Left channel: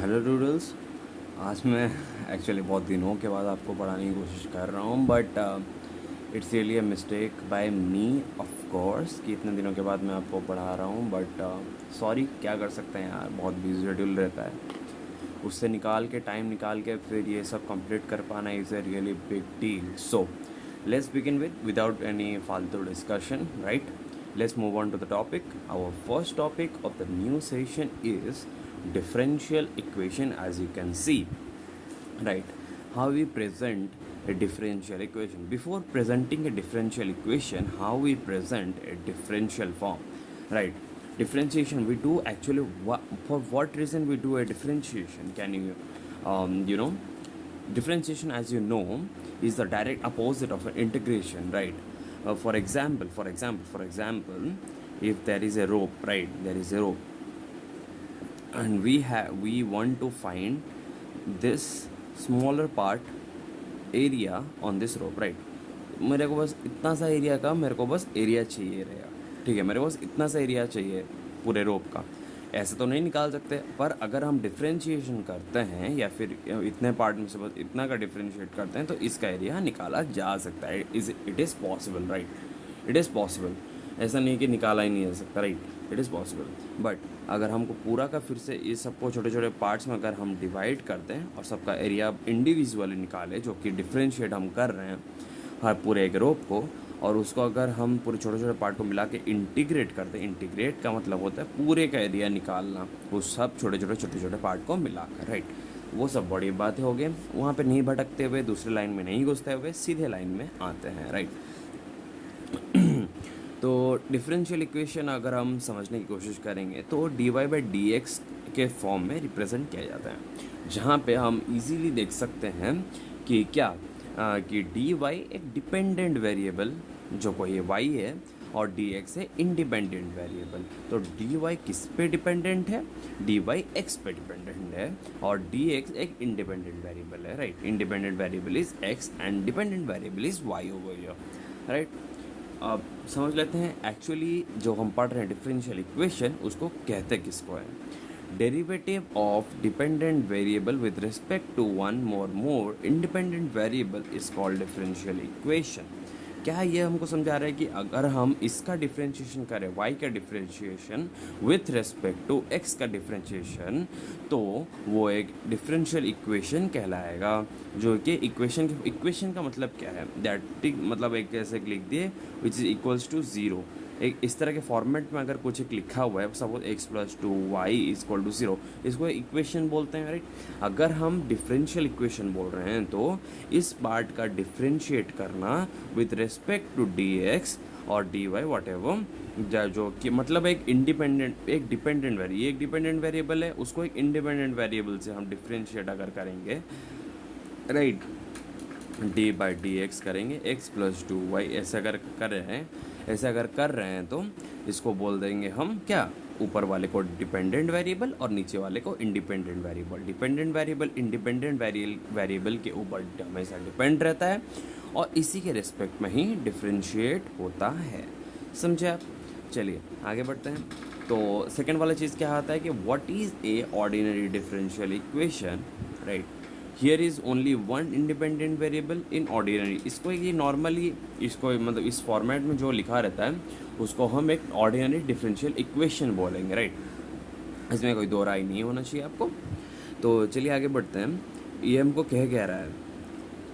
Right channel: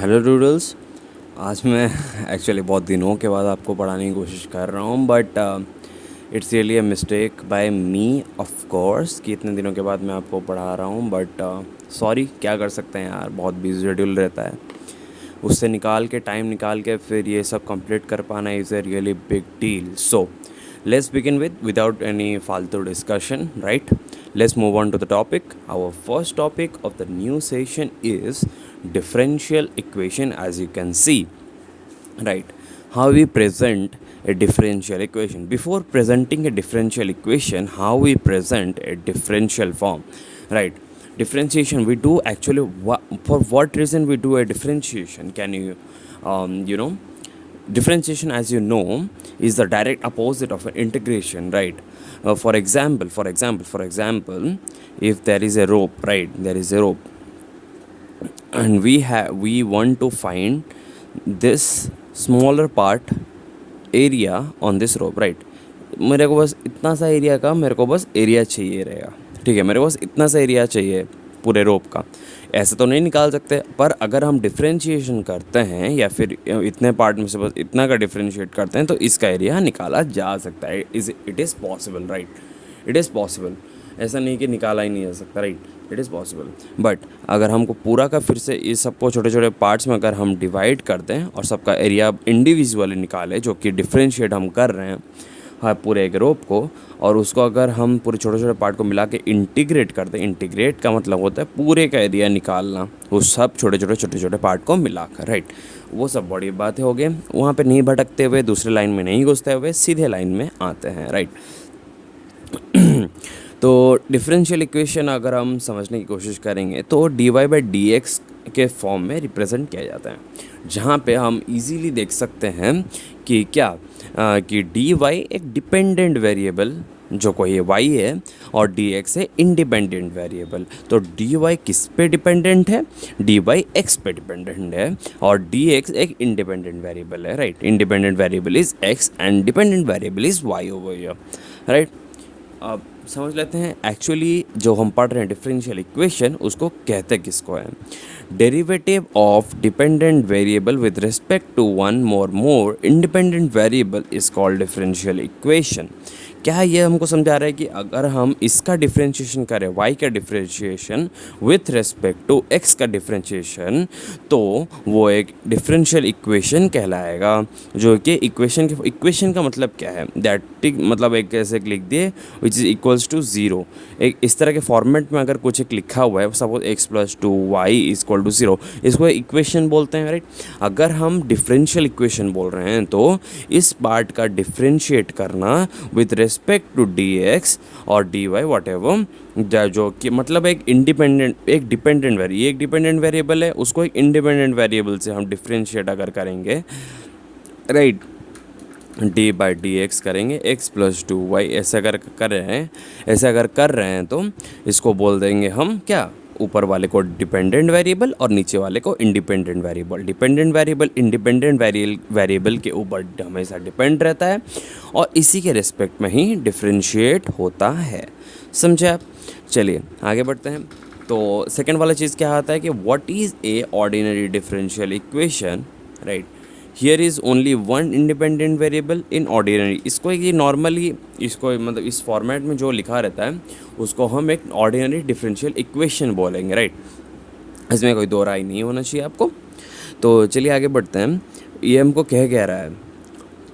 Hello doodles. आज मैं actually बहुत दिनों के बाद आपको पढ़ाने की कोशिश कर रहा हूँ, but it's really a mistake by me of course कि इतने दिनों के बाद मैं आपको पढ़ा रहा हूँ। बट सॉरी, क्या कर सकते हैं यार, बहुत बिजी शेड्यूल रहता है। उससे निकाल के टाइम निकाल के फिर ये सब कंप्लीट कर पाना is a really big deal. So let's begin with without any faltu discussion, right? Let's move on to the topic. Our first topic of the new session is differential equation. As you can see, right, how we present a differential equation. Before presenting a differential equation, how we present a differential form, right? Differentiation we do actually, for what reason we do a differentiation? Can you differentiation, as you know, is the direct opposite of an integration, right? For example, if there is a rope, right, there is a rope, and we want to find this smaller part area on this rope, right? मेरे को बस इतना सा area का मेरे को बस area चाहिए रहेगा। ठीक है, मेरे को बस इतना सा एरिया चाहिए पूरे रोप का। ऐसे तो नहीं निकाल सकते, पर अगर हम डिफ्रेंशिएशन करते हैं या फिर इतने पार्ट में से बस इतना का डिफ्रेंशिएट करते हैं तो इसका एरिया निकाला जा सकता है। It is possible, right? It is possible. ऐसा नहीं कि निकाला ही नहीं जा सकता, right? It is possible. But अगर हमको पूरा का फिर से इस सबको छोटे छोटे पार्ट्स में अगर हम डिवाइड कर दें और सबका एरिया इंडिविजुअली निकालें, जो कि डिफ्रेंशिएट हम कर रहे हैं, हाँ, पूरे एक रोप को, और उसको अगर हम पूरे छोटे छोटे पार्ट को मिला के इंटीग्रेट कर दें। इंटीग्रेट का मतलब होता है पूरे का एरिया निकालना, उस सब छोटे छोटे पार्ट को मिलाकर, राइट? वो सब बड़ी बातें हो गई। वहाँ पे नहीं भटकते हुए, दूसरे लाइन में नहीं घुसते हुए, सीधे लाइन में आते हैं, राइट? तो डिफरेंशियल इक्वेशन अगर हम समझने की कोशिश करेंगे तो D Y by D X के फॉर्म में रिप्रेजेंट किया जाता है, जहाँ पे हम इजीली देख सकते हैं कि क्या कि डी वाई एक डिपेंडेंट वेरिएबल, जो कोई वाई है, और डी एक्स है इंडिपेंडेंट वेरिएबल। तो डी वाई किस पे डिपेंडेंट है? डी वाई एक्स पे डिपेंडेंट है, और डी एक्स एक इंडिपेंडेंट वेरिएबल है, right? Independent variable is X and dependent variable is Y over here, right? अब समझ लेते हैं एक्चुअली जो हम पढ़ रहे हैं डिफरेंशियल इक्वेशन, उसको कहते किसको है? Derivative of dependent variable with respect to one more independent variable is called differential equation. क्या ये हमको समझा रहा है कि अगर हम इसका डिफरेंशिएशन करें, y का differentiation with respect to x का डिफरेंशिएशन, तो वो एक डिफरेंशियल इक्वेशन कहलाएगा। जो कि इक्वेशन का मतलब क्या है? दैट मतलब एक ऐसे लिख दिए which is equals to zero. एक इस तरह के फॉर्मेट में अगर कुछ एक लिखा हुआ है, suppose x plus two Y is equal to zero, इसको इक्वेशन बोलते हैं, राइट? अगर हम डिफरेंशियल इक्वेशन बोल रहे हैं तो इस पार्ट का डिफरेंशिएट करना with respect to D X और डी वाई वट एवर, जो कि मतलब एक डिपेंडेंट वेरिएबल है, उसको एक इंडिपेंडेंट वेरिएबल से हम डिफरेंशिएट अगर करेंगे, right, D by D x करेंगे, एक्स प्लस टू वाई, ऐसे अगर कर रहे हैं तो इसको बोल देंगे हम क्या? ऊपर वाले को डिपेंडेंट वेरिएबल और नीचे वाले को independent variable. Dependent variable independent variable के ऊपर हमेशा डिपेंड रहता है और इसी के रिस्पेक्ट में ही डिफ्रेंशिएट होता है। समझे आप? चलिए आगे बढ़ते हैं। तो सेकेंड वाला चीज़ क्या आता है कि what is a ordinary differential equation, right? Here is only one independent variable in ordinary. इसको ये नॉर्मली इसको मतलब इस फॉर्मेट में जो लिखा रहता है उसको हम एक ऑर्डिनरी डिफरेंशियल इक्वेशन बोलेंगे, राइट? इसमें कोई दो राय नहीं होना चाहिए आपको। तो चलिए आगे बढ़ते हैं। ये हमको कह रहा है,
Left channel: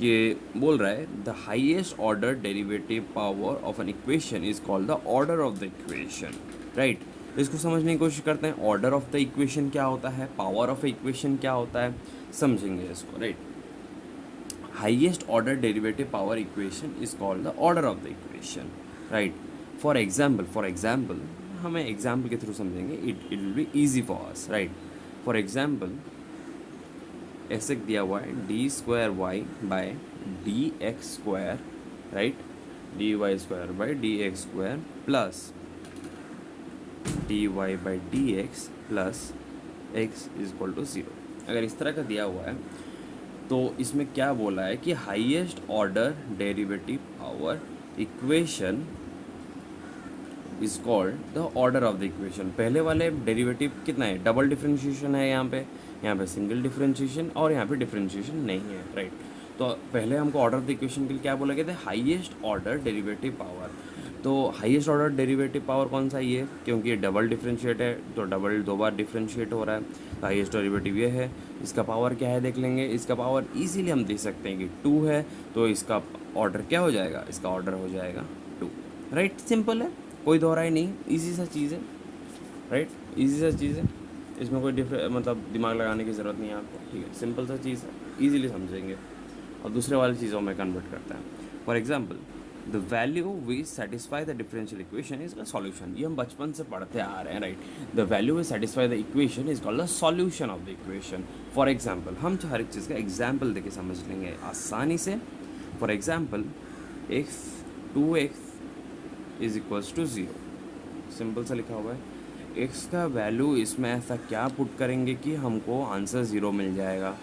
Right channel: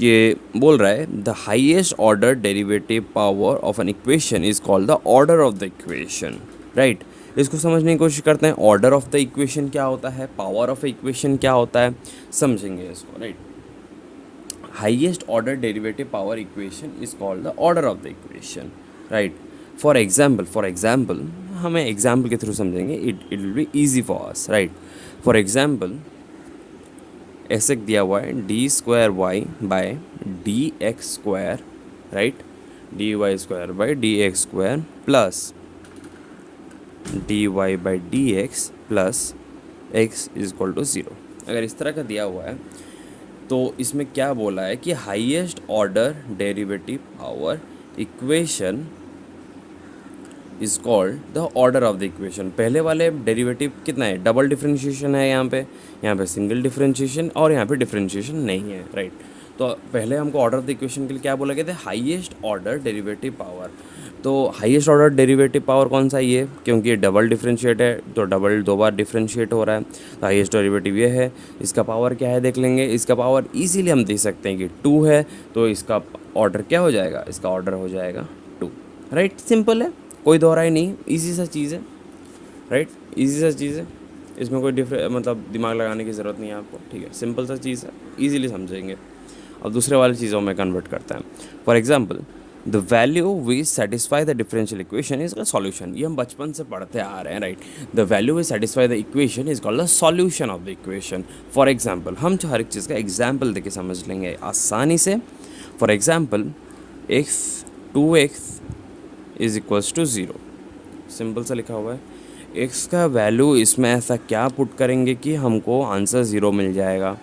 ये बोल रहा है the highest order derivative power of an equation is called the order of the equation, right? इसको समझने की कोशिश करते हैं। ऑर्डर ऑफ द इक्वेशन क्या होता है, पावर ऑफ इक्वेशन क्या होता है, समझेंगे इसको, right? Highest order derivative power equation is called the order of the equation, right? For example हमें एग्जाम्पल के थ्रू समझेंगे, it will be easy for us, right? For example ऐसे दिया हुआ है D square Y by D X square, right? D Y square by D X square plus D Y by D X plus X is equal to zero. अगर इस तरह का दिया हुआ है तो इसमें क्या बोला है कि highest order derivative power equation is called the order of the equation. पहले वाले डेरिवेटिव कितना है, डबल डिफरेंशिएशन है यहाँ पे सिंगल डिफरेंशिएशन और यहाँ पे डिफरेंशिएशन नहीं है, राइट। तो पहले हमको ऑर्डर ऑफ द इक्वेशन के लिए क्या बोला गया था, हाईएस्ट ऑर्डर डेरिवेटिव पावर। तो हाईएस्ट ऑर्डर डेरिवेटिव पावर कौन सा, ये, क्योंकि ये डबल डिफरेंशिएट है तो डबल दो बार डिफरेंशिएट हो रहा है, तो हाईएस्ट डेरिवेटिव ये है। इसका पावर क्या है देख लेंगे, इसका पावर इजीली हम देख सकते हैं कि 2 है, तो इसका ऑर्डर क्या हो जाएगा, इसका ऑर्डर हो जाएगा 2, राइट। सिंपल है, कोई दोहराई नहीं, इजी सा चीज़ है, राइट, इजी सा चीज़ है, इसमें कोई मतलब दिमाग लगाने की ज़रूरत नहीं है आपको, ठीक है, सिंपल सा चीज़ है, ईजिली समझेंगे। अब दूसरे वाली चीज़ों में कन्वर्ट करते हैं। For example, the value v satisfy the differential equation is called solution. ये हम बचपन से पढ़ते आ रहे हैं, right. The value v satisfy the equation is called the solution of the equation. For example, हम हर एक चीज़ का एग्जाम्पल देके समझ लेंगे आसानी से। For example, X 2x is equals to 0, simple सा लिखा हुआ है। एक्स का वैल्यू इसमें ऐसा क्या पुट करेंगे कि हमको आंसर 0 मिल जाएगा,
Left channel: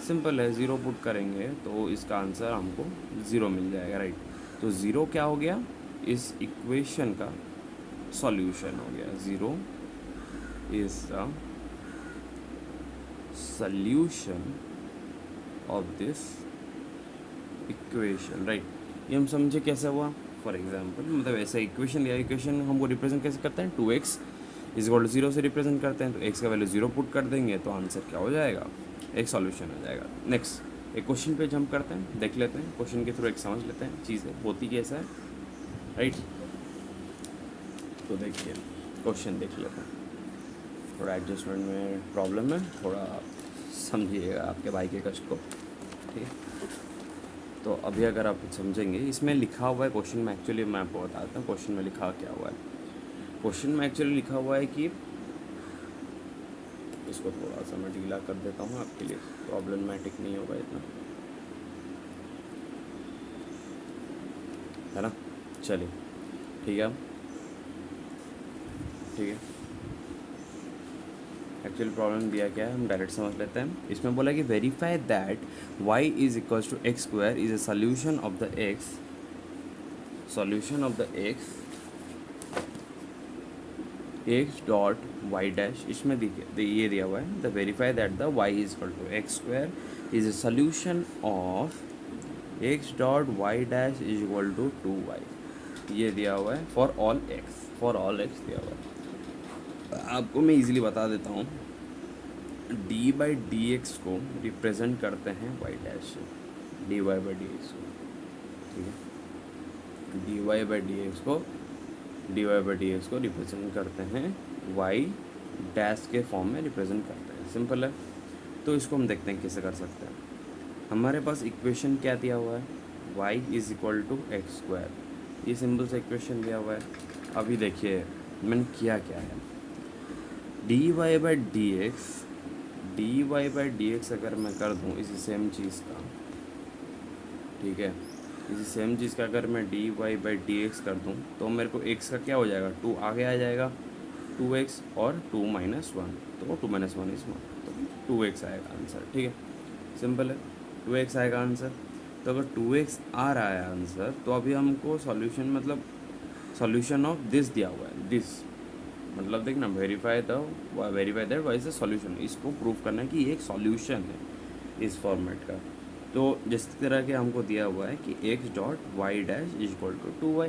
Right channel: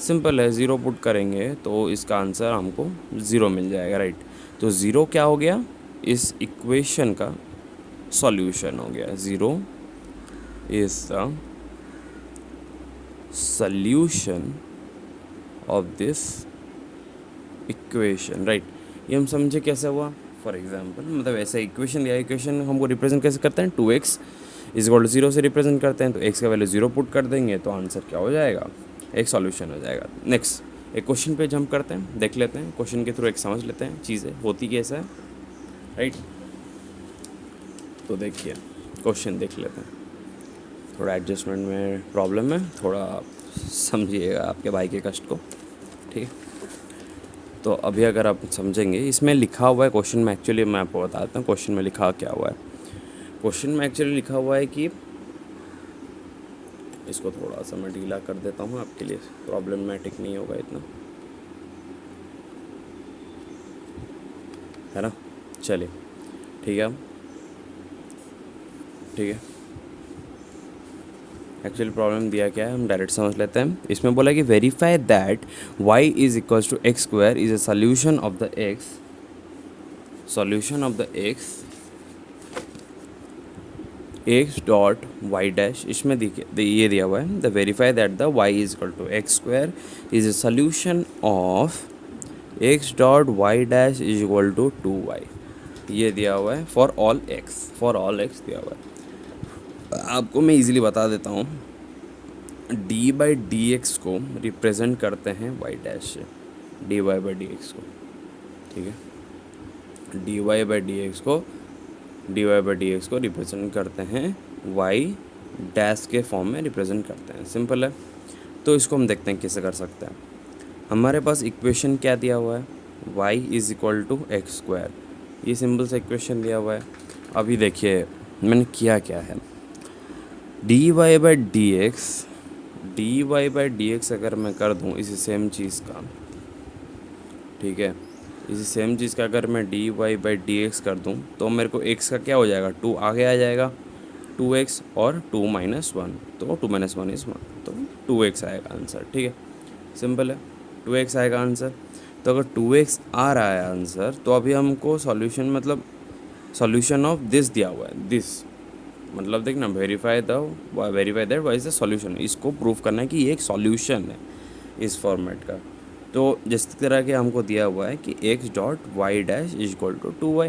सिंपल है, 0 पुट करेंगे तो इसका आंसर हमको 0 मिल जाएगा, राइट। तो 0 क्या हो गया, इस इक्वेशन का सॉल्यूशन हो गया, 0 is the solution of this equation, right. ये हम समझे कैसे हुआ। फॉर एग्जांपल, मतलब ऐसा इक्वेशन दिया, इक्वेशन हमको रिप्रेजेंट कैसे करते हैं, 2x इज इक्वल टू 0 से रिप्रेजेंट करते हैं, तो x का वैल्यू 0 पुट कर देंगे तो आंसर क्या हो जाएगा, एक सॉल्यूशन हो जाएगा। नेक्स्ट एक क्वेश्चन पे जंप करते हैं, देख लेते हैं क्वेश्चन के थ्रू एक समझ लेते हैं चीज़ें होती कैसा है, राइट। तो देखिए क्वेश्चन देख लेते हैं, थोड़ा एडजस्टमेंट में प्रॉब्लम है, थोड़ा समझिएगा आपके भाई के कष्ट को, ठीक है। तो अभी अगर आप समझेंगे, इसमें लिखा हुआ है क्वेश्चन में, एक्चुअली मैं आपको बताता हूँ क्वेश्चन में लिखा क्या हुआ है। क्वेश्चन में एक्चुअली लिखा हुआ है कि, इसको थोड़ा सा मैं ढीला कर देता हूँ आपके लिए, प्रॉब्लमेटिक नहीं होगा इतना, है ना। चलिए ठीक है, ठीक है। एक्चुअली प्रॉब्लम दिया क्या है, हम डायरेक्ट समझ लेते हैं। इसमें बोला कि verify that y is equals to X square is a solution of the x, solution of the x dot Y dash, इसमें देखिए ये दिया हुआ है, the verify that the y is equal to X square is a solution of x dot Y dash is equal to 2y, ये दिया हुआ है फॉर ऑल x दिया हुआ है। आपको मैं इजीली बता देता हूँ, डी बाई डी एक्स को रिप्रेजेंट करते हैं वाई डैश से, D Y by D X को, ठीक है, D Y by D X को रिप्रेजेंट करते हैं वाई डैश के फॉर्म में रिप्रेजेंट करते हैं, सिंपल है। तो इसको हम देखते हैं कैसे कर सकते हैं। हमारे पास इक्वेशन क्या दिया हुआ है, y is equal to X square, ये सिंपल सा इक्वेशन दिया हुआ है। अभी देखिए मैंने किया क्या है, D Y by D X अगर मैं कर दूँ इसी सेम चीज़ का, ठीक है, इसी सेम चीज़ का अगर मैं D Y by D X कर दूँ तो मेरे को x का क्या हो जाएगा, 2 आगे आ जाएगा, 2x और 2 माइनस 1, तो 2 माइनस 1 इज 1, तो 2x आएगा आंसर, ठीक है, सिंपल है, 2x आएगा आंसर। तो अगर 2x आ रहा है आंसर, तो अभी हमको सॉल्यूशन मतलब सॉल्यूशन ऑफ दिस दिया हुआ है, दिस मतलब देखना, verify that Y is the solution, इसको प्रूव करना है कि ये एक सॉल्यूशन है इस फॉर्मेट का। तो जिस तरह के हमको दिया हुआ है कि X dot Y dash is equal to 2y,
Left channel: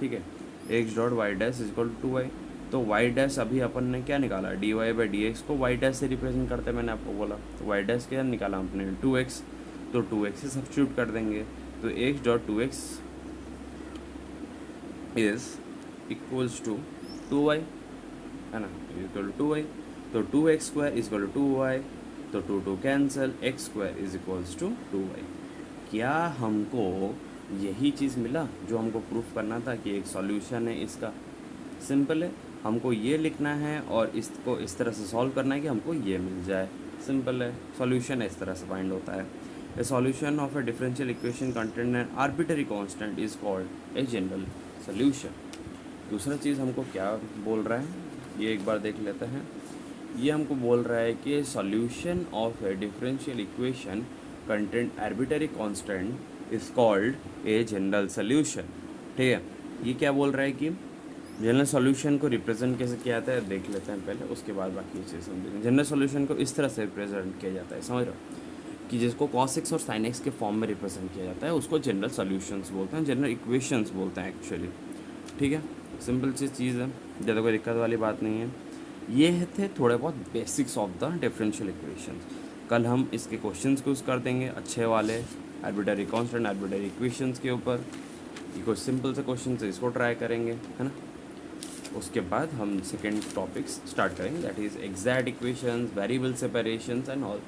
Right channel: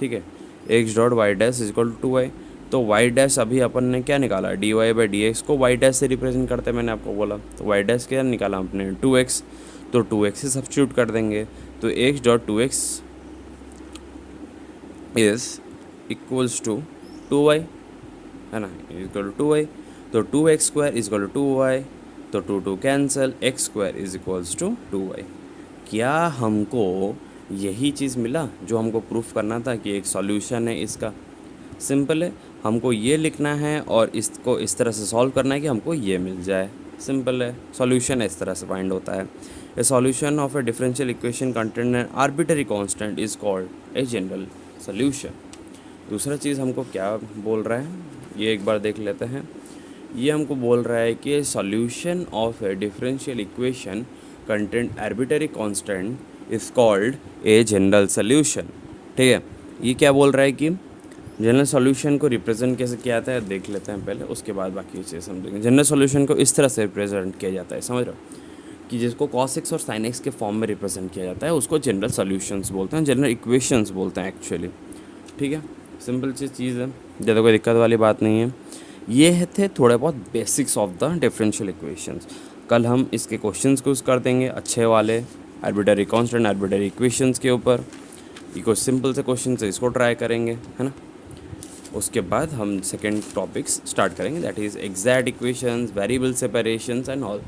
ठीक है, X dot Y dash is equal to 2y, तो वाई डैश अभी अपन ने क्या निकाला, D Y by D X को वाई डैश से रिप्रेजेंट करते हैं, मैंने आपको बोला, तो वाई डैश क्या निकाला आपने, 2x, तो 2x से सब्स्टिट्यूट कर देंगे, तो X dot 2x is equals to 2y, है ना, इक्वल टू 2y, तो 2x square is equal to 2y, तो 2 cancel, X square is equals to 2y। क्या हमको यही चीज़ मिला जो हमको प्रूफ करना था कि एक सॉल्यूशन है इसका, सिंपल है, हमको ये लिखना है और इसको इस तरह से सॉल्व करना है कि हमको ये मिल जाए, सिंपल है, सॉल्यूशन इस तरह से फाइंड होता है। ए solution of A differential equation contain N arbitrary constant is called a general solution. दूसरा चीज़ हमको क्या बोल रहा है, ये एक बार देख लेते हैं। ये हमको बोल रहा है कि solution of A differential equation content arbitrary constant is called a general solution, ठीक है। ये क्या बोल रहा है कि जनरल सॉल्यूशन को रिप्रेजेंट कैसे किया जाता है देख लेते हैं पहले, उसके बाद बाकी चीज़ें समझेंगे। जनरल सॉल्यूशन को इस तरह से रिप्रेजेंट किया जाता है, समझ रहे हो, कि जिसको cos x और sin x के फॉर्म में रिप्रेजेंट किया जाता है उसको जनरल सॉल्यूशंस बोलते हैं, जनरल इक्वेशंस बोलते हैं एक्चुअली। ठीक है, सिंपल सी चीज़ है, ज़्यादा कोई दिक्कत वाली बात नहीं है। ये थे थोड़े बहुत basics of the differential equations. कल हम इसके क्वेश्चंस यूज़ कर देंगे अच्छे वाले आर्बिट्ररी कांस्टेंट आर्बिट्ररी इक्वेशंस के ऊपर। ये कुछ सिंपल से क्वेश्चन है, इसको ट्राई करेंगे, है ना। उसके बाद हम सेकेंड टॉपिक्स स्टार्ट करेंगे, that is exact equations, variable separations and all.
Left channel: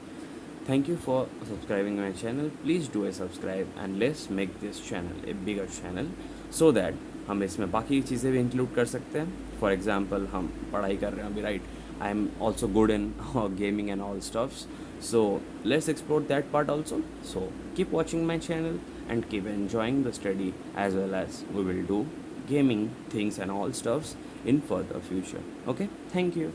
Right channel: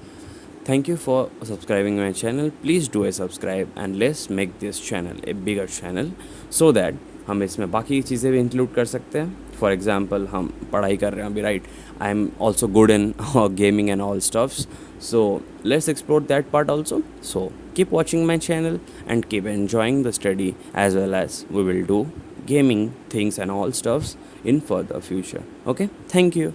Thank you for subscribing my channel. Please do a subscribe and let's make this channel a bigger channel so that हम इसमें बाकी चीज़ें भी include कर सकते हैं। For example हम पढ़ाई कर रहे हैं अभी, right, I am also good in gaming and all stuffs, so let's explore that part also. So keep watching my channel and keep enjoying the study as well as we will do gaming things and all stuffs in further future. Okay, thank you.